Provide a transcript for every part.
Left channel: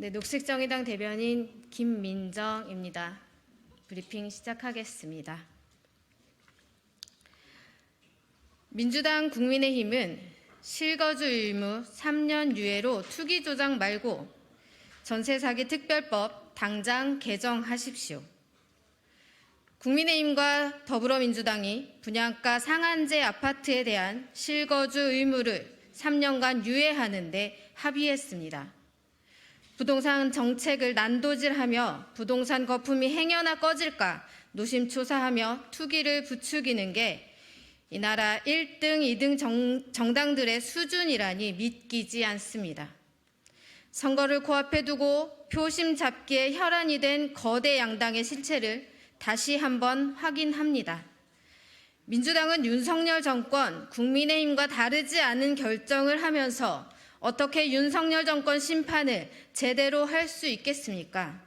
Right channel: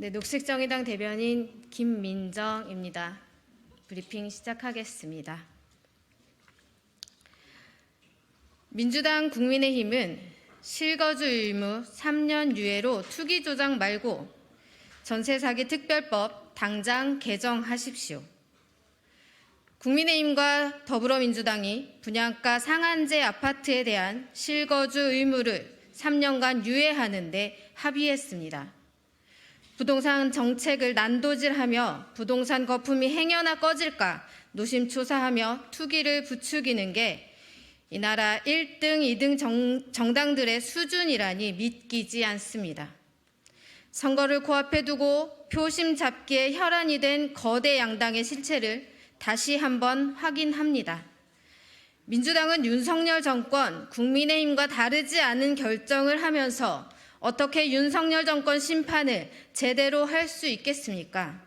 네, 녹색정의당 대변인 김민정입니다. 브리핑 시작하겠습니다. 민주당 국민의힘은 실거주 의무 3년 유예로 투기 조작 말고 전세 사기 특별법 당장 개정하십시오. 국민의힘과 더불어민주당이 분양가 상한제 아파트에 대한 실거주 의무를 3년간 유예하는데 합의했습니다. 부동산 정책을 난도질하며 부동산 거품이 행여나 꺼질까 노심초사하며 투기를 부추기는 게 이 나라 1등, 2등 정, 정당들의 수준이라니 믿기지 않습니다. 선거를 코앞에 두고 표심 잡기에 혈안이 된 거대 양당의 실체를 다시 한번 확인합니다. 민주당은 윤석열 정권, 국민의힘과 다르지 않은 결정을 하면서 어떻게 윤석열 정권 심판을 제대로 할 수 있겠습니까?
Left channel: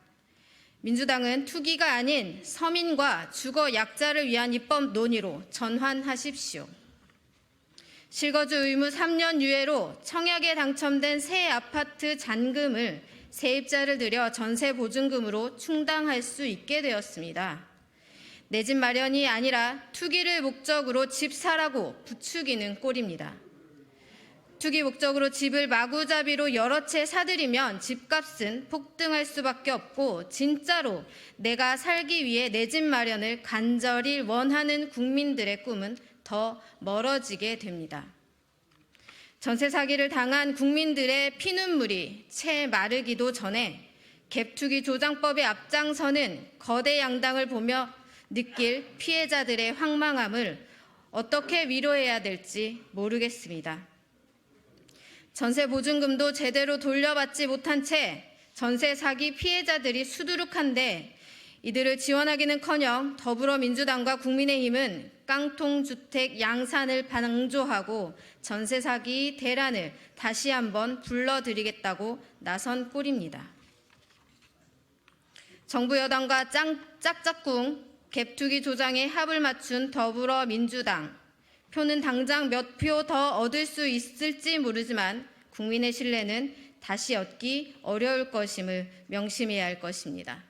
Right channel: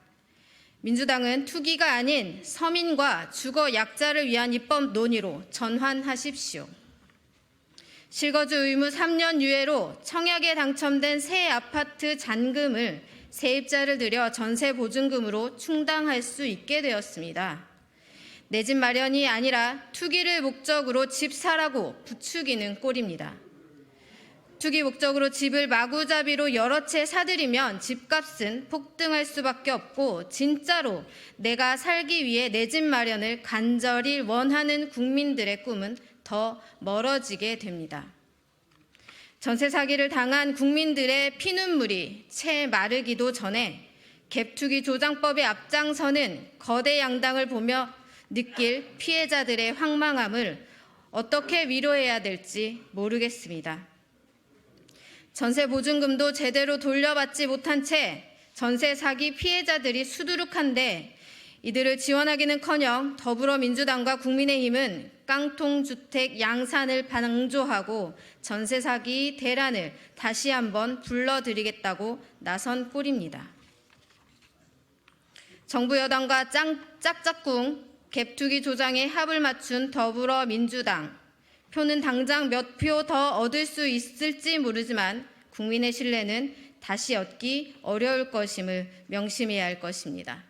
민주당은 투기가 아닌 서민과 주거 약자를 위한 입법 논의로 전환하십시오. 실거주 의무 3년 유예로 청약에 당첨된 새 아파트 잔금을 세입자를 들여 전세 보증금으로 충당할 수 있게 되었습니다. 내 집 마련이 아니라 투기를 목적으로 집 사라고 부추기는 꼴입니다. 투기 목적으로 집을 마구잡이로 여러 채 사들이면 집값은 폭등할 수밖에 없고 진짜로 내가 살기 위해 내 집 마련을 간절히 원하는 국민들의 꿈은 더 멀어지게 됩니다. 전세 사기를 당한 국민들의 피눈물이 채 마르기도 전에 갭투기 조장법의 앞장서는 거대 양당을 보며 느낄 피해자들의 황망함을 어떻게 위로해야 될지 모르겠습니다. 전세 보증금도 제대로 돌려받지 못한 채 전세 사기 피해자들이 수두룩한데 이들을 지원하기는커녕 더불어민주당과 국민의힘은 깡통 주택 양산을 방조하고 전세 사기 대란을 다시 한번 불러들이겠다고 나선 꼴입니다. 정부 여당과 짱, 짝짝꿍 갭투기 조장에 합을 맞춘 더불어민주당 표는 당장 몇 표 더 얻을 수 있을지 모르지만 국민의 신뢰는 다시 얻기 어려울 것임을 명심해야 할 것입니다.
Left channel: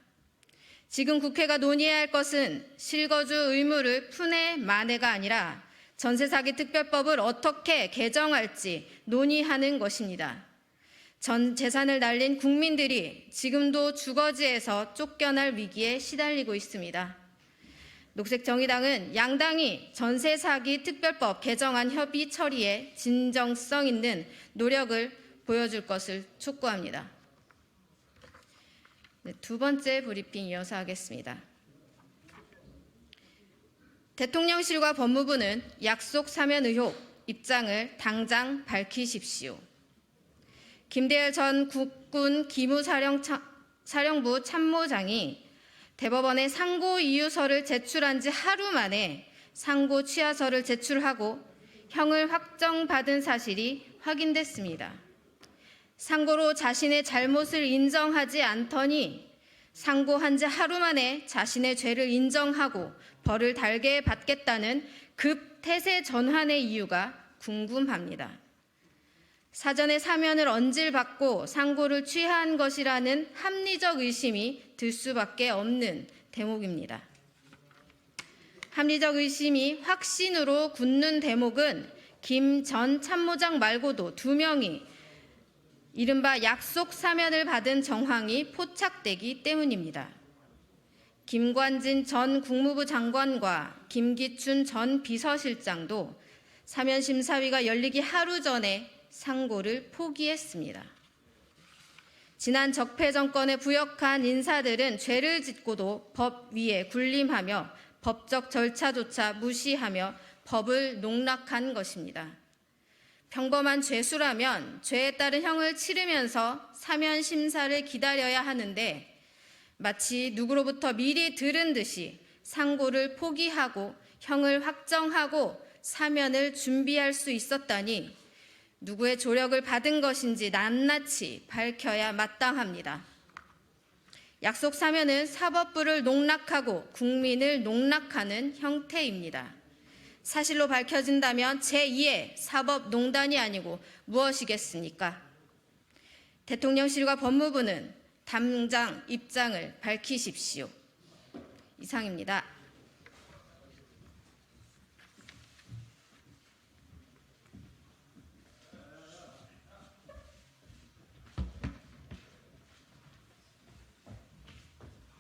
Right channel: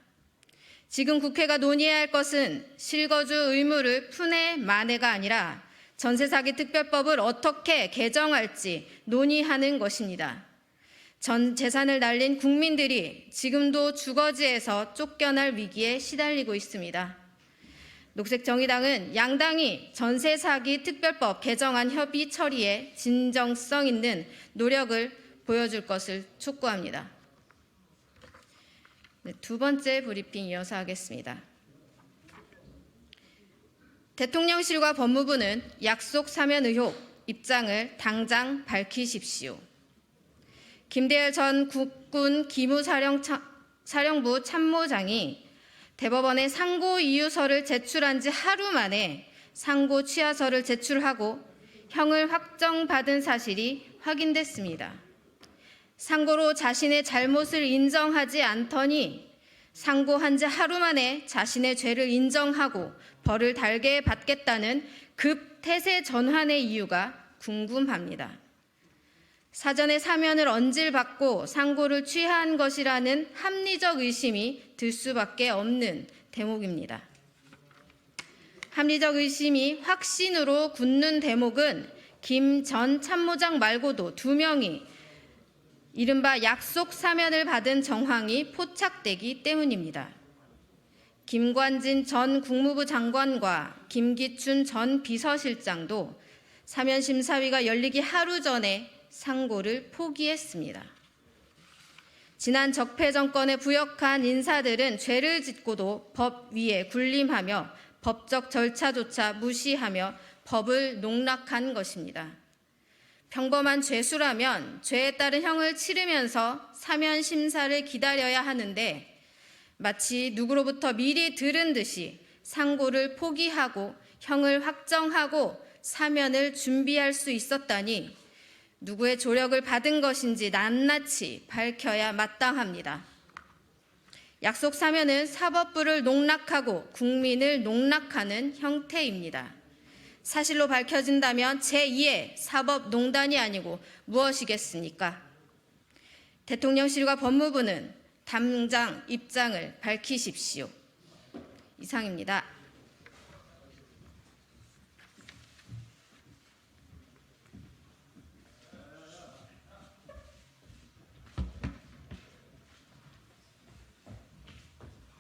지금 국회가 논의해야 할 것은 실거주 의무를 푼의 만해가 아니라 전세 사기 특별법을 어떻게 개정할지 논의하는 것입니다. 전 재산을 날린 국민들이 지금도 주거지에서 쫓겨날 위기에 시달리고 있습니다. 녹색정의당은 양당이 전세 사기 특별법 개정안 협의 처리에 진정성 있는 노력을 보여줄 것을 촉구합니다. 네, 두 번째 브리핑 이어서 하겠습니다. 대통령실과 법무부는 약속 사면 의혹 입장을 당장 밝히십시오. 김대열 전 국군 기무사령부 참모장이 대법원에 상고 이유서를 제출한 지 하루 만에 상고 취하서를 제출하고 형을 확정받은 사실이 확인됐습니다. 상고로 자신의 잘못을 인정하지 않더니 상고한 지 하루 만에 자신의 죄를 인정하고 벌을 달게 받겠다는 급 태세 전환의 이유가 궁금합니다. 사전에 사면을 언질받고 상고를 취한 것이라는 합리적 의심이 들 수밖에 없는 대목입니다. 합리적 의심이 확신으로 굳는 대목은 김 전 참모장 말고도 두 명이 이른바 약속 사면을 받은 정황이 포착되기 때문입니다. 김관진 전 국무부 장관과 김기춘 전 비서실장도 사면 심사위가 열리기 하루 전에 상고를 포기했습니다. 지난 적폐 정권에 부역한 인사들은 죄를 짓고도 법 위에 군림하며 법적 절차조차 무시하며 법을 농락한 것입니다. 평범한 죄수라면 죄에 따른 형을 치르면서 사면 심사를 기다려야 하는데 마치 누구로부터 미리 들은 듯이 상고를 포기하고 형을 확정하고 사면을 준비할 수 있었다니 누구의 조력을 받은 것인지 낱낱이 밝혀야 마땅합니다. 약속 사면은 사법부를 농락하고 국민을 농락하는 형태입니다. 사실로 밝혀진다면 제2의 사법농단이 아니고 무엇이겠습니까? 대통령실과 법무부는 당장 입장을 밝히십시오. 이상입니다.